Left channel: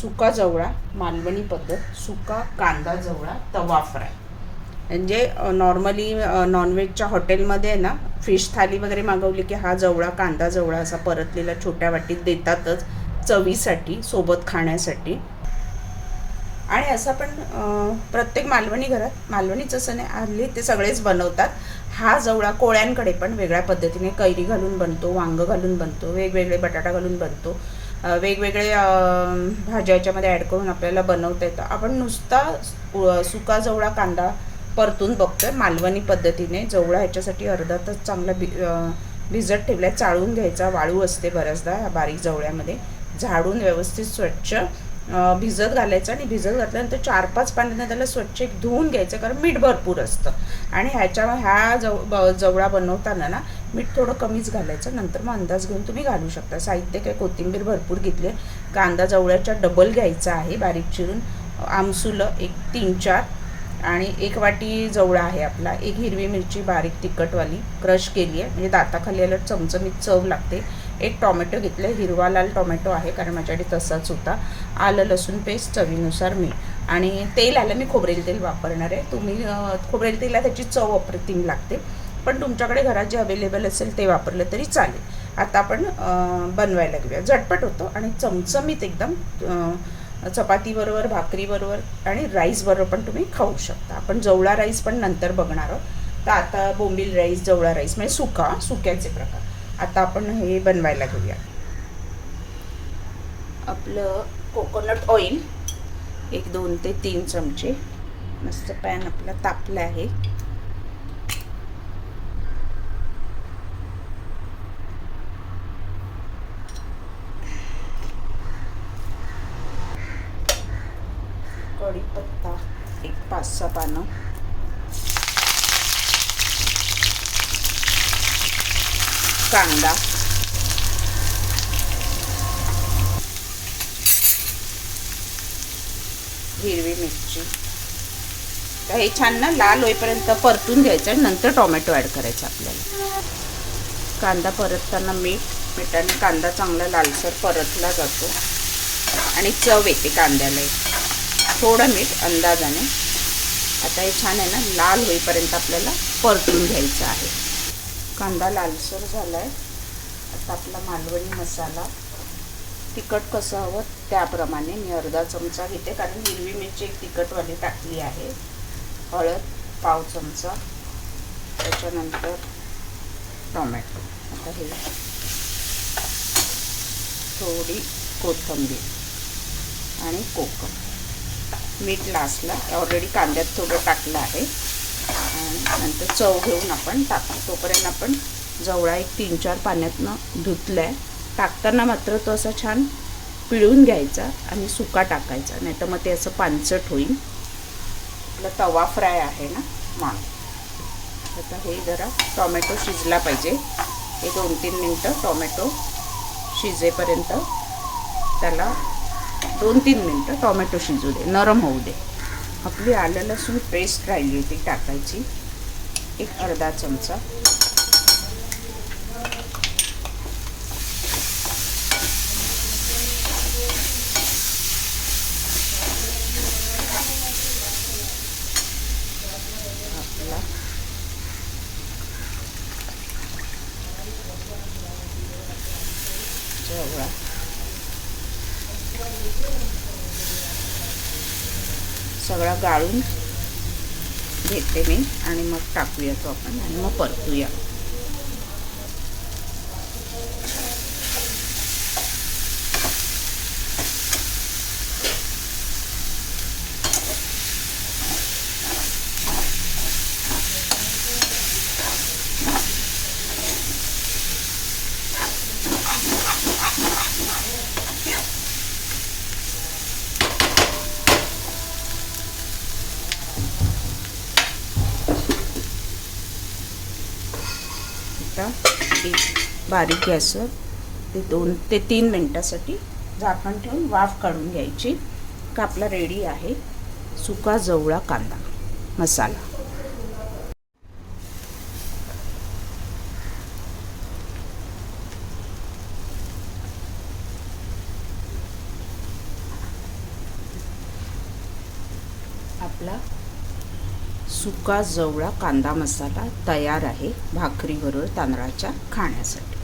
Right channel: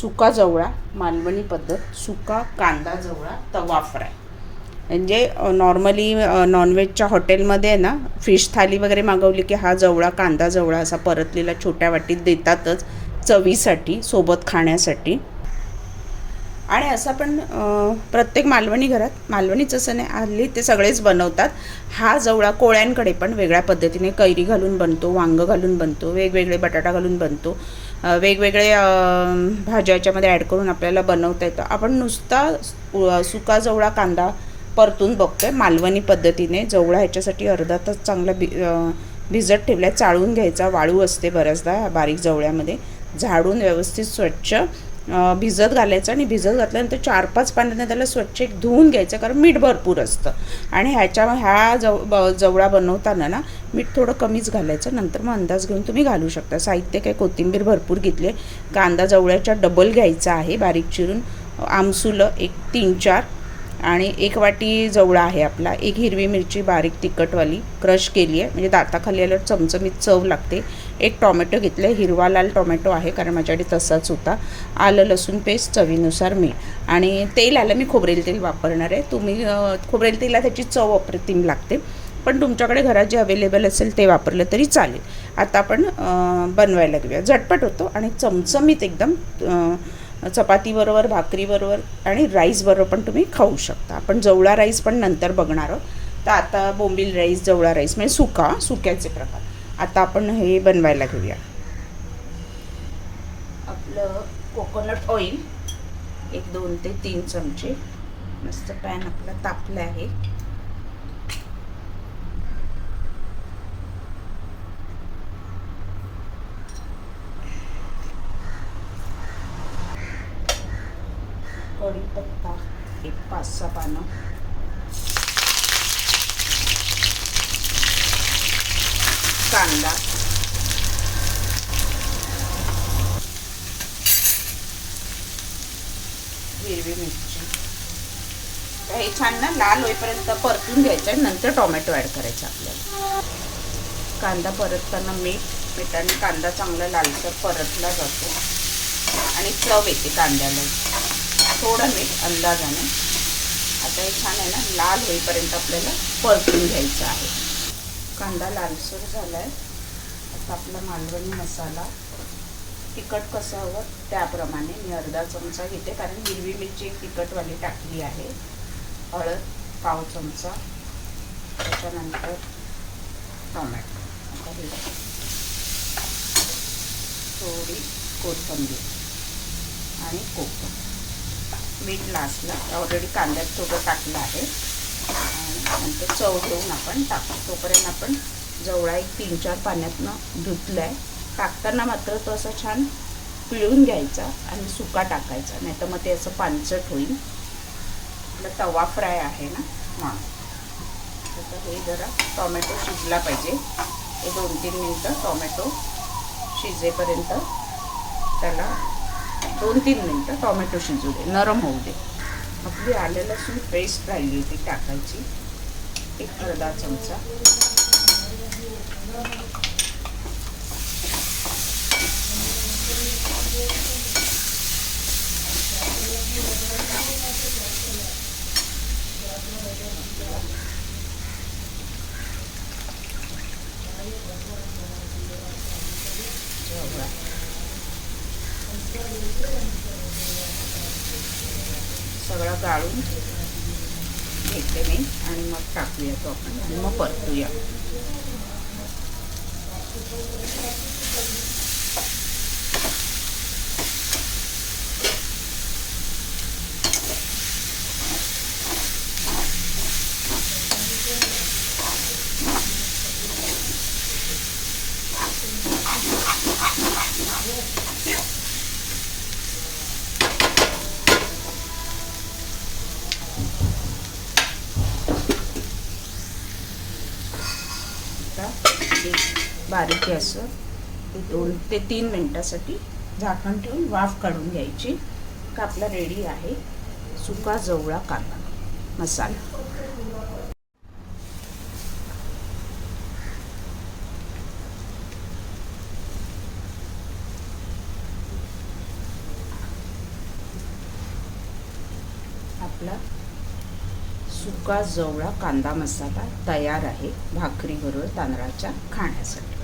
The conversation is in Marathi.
सुका जवळा मालवणी पद्धत, सुका कांदा जवळा तवा फ्राय. म्हणजे नॉर्मली नॉनव्हेजच्या हॉटेलमध्ये ना फिश थाली वगैरे मागवली की हा जवळा कांदा जवळा असा परतलेला छोट्या वाटीत देतातच चवीसाठी, सोबत खाण्यासाठी. आणि असं पण प्रत्येक मालवणी घरात, मालवणीच असं नाही, हल्ली ते सगळेच बनवतात. हा जवळा कोळ्यांकडे पण वेगळ्या पद्धतीने कैरी घालून बनतो, वांगं घालून बनतो, वेगवेगळे बटाटा घालून बनतो, वेगवेगळे भाज्या याच्यामध्ये ॲड करून आपल्याला बनवता येतं. आपण नुसता सुका जवळा कांदा परतून बघतोय मालवणी पद्धतीने. जवळा ह्याच्यासाठी अर्धा तास चांगला भिजत ठेवला, चाळून घ्यायचा, वाळू असते बऱ्याचदा बारीक जवळ्यामध्ये, झाडून व्यवस्थित स्वच्छ भिजत घालायचं. आणि भिजत घातल्यानंतर 4-5 पाण्यानं त्याला स्वच्छ एक धुवून घ्यायचं, कारण मीठ भरपूर असतं. आणि ह्या जवळा बनवताना ना मीठ थोडं कमीच घालायचं, नंतर मग अंदाज घेऊन तुम्ही घालू शकता. साहित्य काय, कोथिंबीर भरपूर घेतली, कांदा जवळ्याच्या डबल घ्यायचा आहे बारीक चिरून, आमसुलं एक 3-4, आणि 1 वाटी जवळा आहे आपला, 1 हिरवी मिरची बारीक तिखटवाली क्रश केली आहे, म्हणजे दाताखाली आल्यावर चमचमीत चव लागते. 1 टॉमॅटो घेतलं आहे, हिरवा लाल टॉमॅटो आहे कारण माझ्याकडे तसाच होता. आलं लसूण पेस्ट, चवीनुसार मीठ. आणि तेल आलं मी खोबरेल तेल वापरणार आहे. तुम्ही खोबरेल तेला त्याची चव अप्रतिम लागते, पण तुमच्याकडे घरात जे अवेलेबल असेल ते वापरलं तरी चालेल. आता आपण बनवायला घेऊया. झटपट होतो आणि चमचमीत एकदम, चपातीबरोबर, भाकरीबरोबर आणि राईसबरोबर पण तुम्ही खाऊ शकता. आपण जवळा राईस पण नंतर बघणार आहोत. तर आता बोंबील राईस, जवळा राईस म्हणजे सुक्याचे प्रकार. आता आपण हे बनवायला घेऊया. आपलं कोकोनट ऑइल 1-2 ते 3 चमचे. मस्त पॅन आपला तापला आहे. कढीपत्ता 5-6 पानं, कांदा, हिरवी मिरची. हे छान ना लाल होईपर्यंत परतून घ्यायचं आणि नंतर टोमॅटो ॲड करायचा आपल्याला. कांदा परतताना मिठाने कांदा चांगला लालसर परतला जातो आणि चव येते कांद्याला. थोडं मीठ अंदाजाने. आता हे छान आहे ना, लाल होईपर्यंत आपल्याला परतून घ्यायचं आहे. कांदा लालसर झाला आहे. आता आपला मालवणी मसाला, तिखट कसं हवं त्याप्रमाणे मी अर्धा चमचा घेते, कारण हिरवी मिरची एक तिखटवाली टाकली आहे. हळद 1/2 चमचा, त्याच्यानंतर टोमॅटो. आता हे थोडी कोथिंबीर आणि कोकम, मीठ लास्टला, ऑलरेडी कांद्यात थोडं टाकलं आहे. आणि नंतर चव घेऊन आपण टाकतो. तोपर्यंत आपण जवळा एक 3-4 पाण्यातनं धुतलं आहे. टाकताना मात्र तो असं छान पिळून घ्यायचा आणि सुका टाकायचा, नाही तर मग ते असं पानसट होईल. आपला तवा फ्राय आहे ना, हां. आता हे जरा टोमॅटो शिजला पाहिजे. हे 2-3 मिनटं टोमॅटो शिजेपर्यंत त्याला 2-3 मिनटं टोमॅटो शिजू दे, नरम होऊ दे. आपली आलं लसूण पेस्ट राहिली होती टाकायची, एक अर्धा चमचा. सगळं गाळून घेते मी आणि मग टाकूया तो आपण आणि मग परतूया. बारीक गॅसवर ते 2 ते 3 मिनटासाठी झाकण ठेवून वाफ काढून घ्यायची. का आपला रेडी आहे सुका जवळा कांदा मसाला. आपला सुका जवळा कांदा मसाला तयार आहे भाकरीबरोबर तांदळाच्या खाण्यासाठी.